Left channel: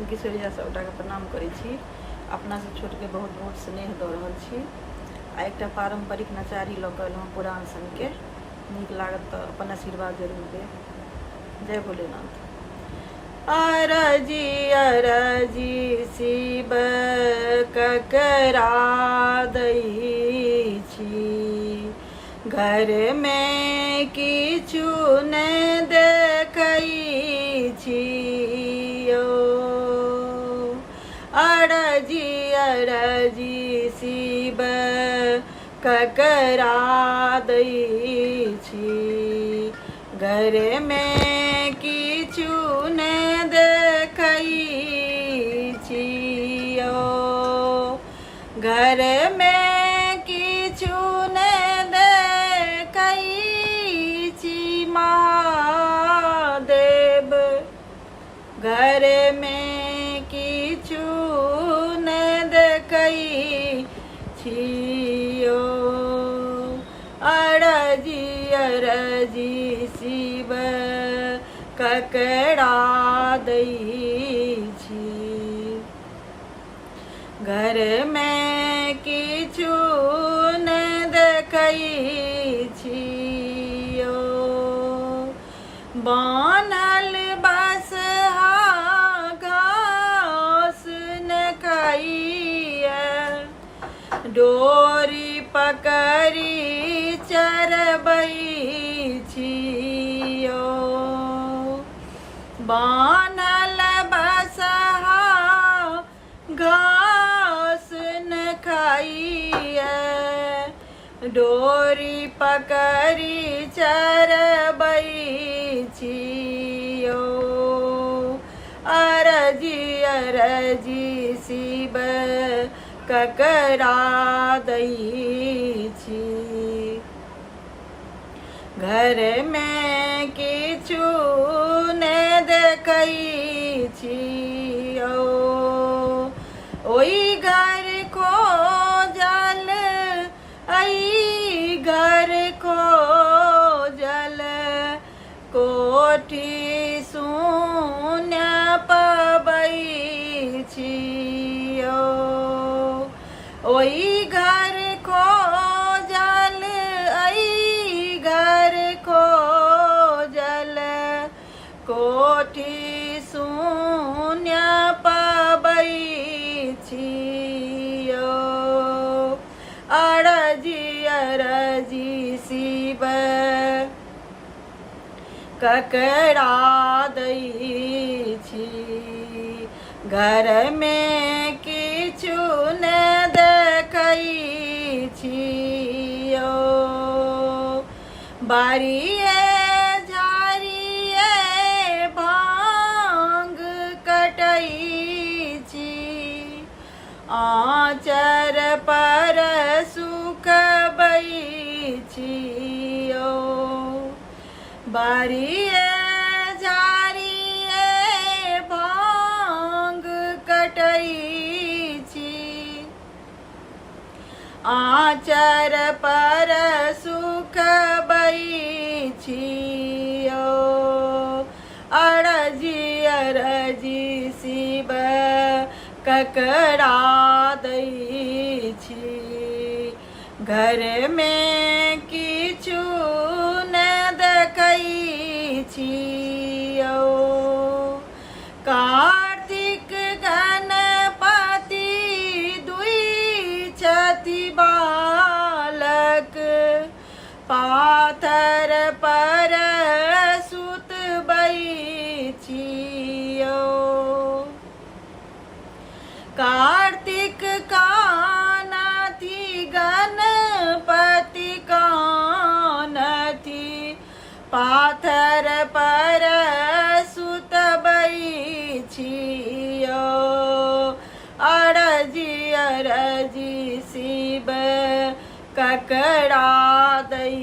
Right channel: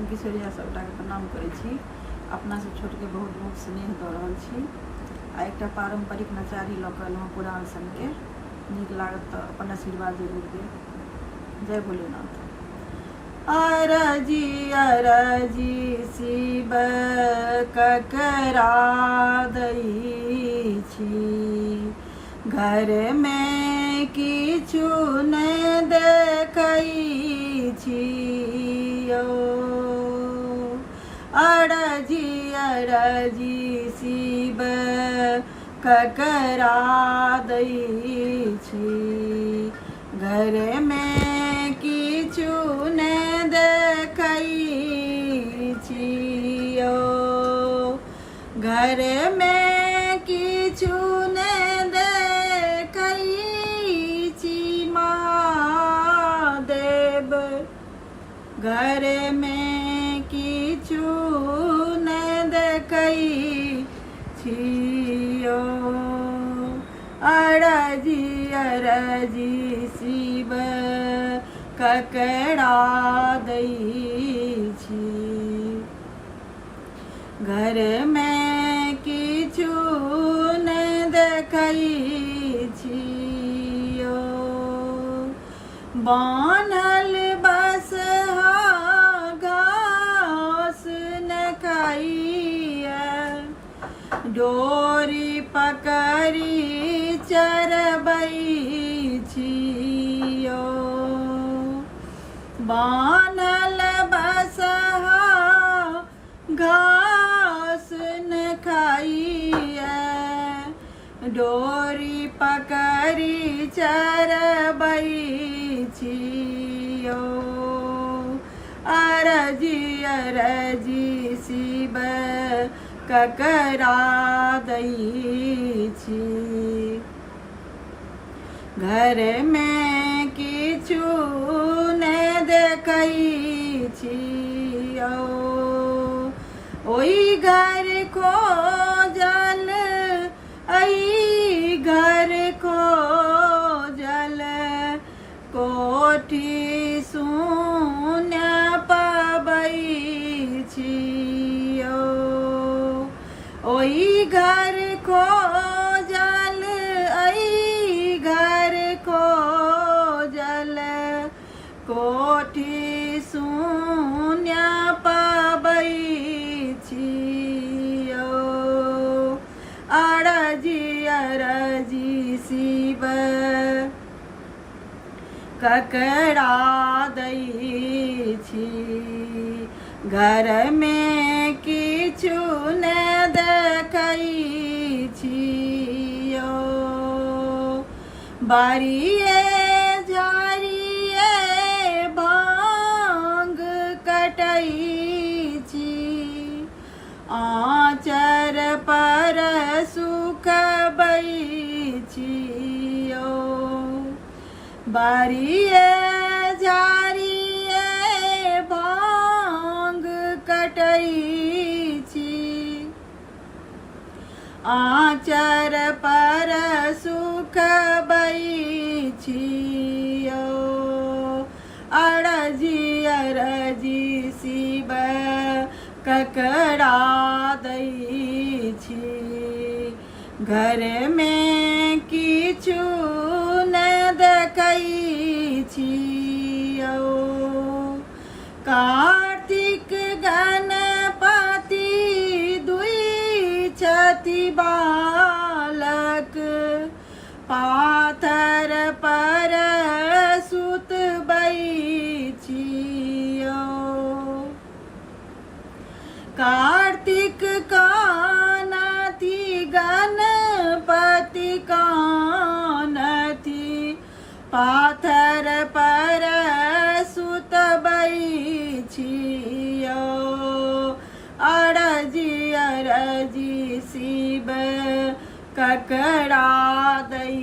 हम किशोरिया सबटा के प्रणाम करै छी। अपना से छोट के बहुत बहुत स्नेह दऽ रहल छी। आ एकटा पारंपरिक नचारी लऽ कऽ एलहुँ पुरान सन के, नीक लागत तऽ अपन आशीर्वाद जरूर देब। जय भोलेनाथ। अरजी अरजी शिव ककरा दै छी, घर में किछु नहि देखै छी यौ। अरजी अरजी शिव ककरा दै छी, घर में किछु नहि देखै छी यौ। घर में किछु नहि देखै छी महादेव, घर में किछु नहि देखै छी यौ। अरजी अरजी शिव ककरा दै छी, घर में किछु नहि देखै छी यौ। बान्हल बसहा घास न खाइए, डोरी पकड़ी चरबै छी यौ। बान्हल बसहा घास न खाइए, डोरी पकड़ी चरबै छी यौ। अरजी अरजी शिव ककरा दै छी, घर में किछु नहि देखै छी यौ। ओइ घर खोजल अइ घर खोजल, कोठी शून्य पबै छी यौ। ओइ घर खोजल अइ घर खोजल, कोठी शून्य पबै छी यौ। अरजी अरजी शिव ककरा दै छी, घर में किछु नहि देखै छी यौ। बारिये झाड़िये भांग कटै छी, आँचर पर सुखबै छी यौ। बारिये झाड़िये भांग कटै छी, आँचर पर सुखबै छी यौ। अरजी अरजी शिव ककरा दै छी, घर में किछु नहि देखै छी यौ। कार्तिक गणपति दुई छथि बालक, पाथर पर सुतबै छी यौ। कार्तिक कानथि गणपति कानथि, पाथर पर सुतबै छी यौ। अरजी अरजी शिव ककरा दै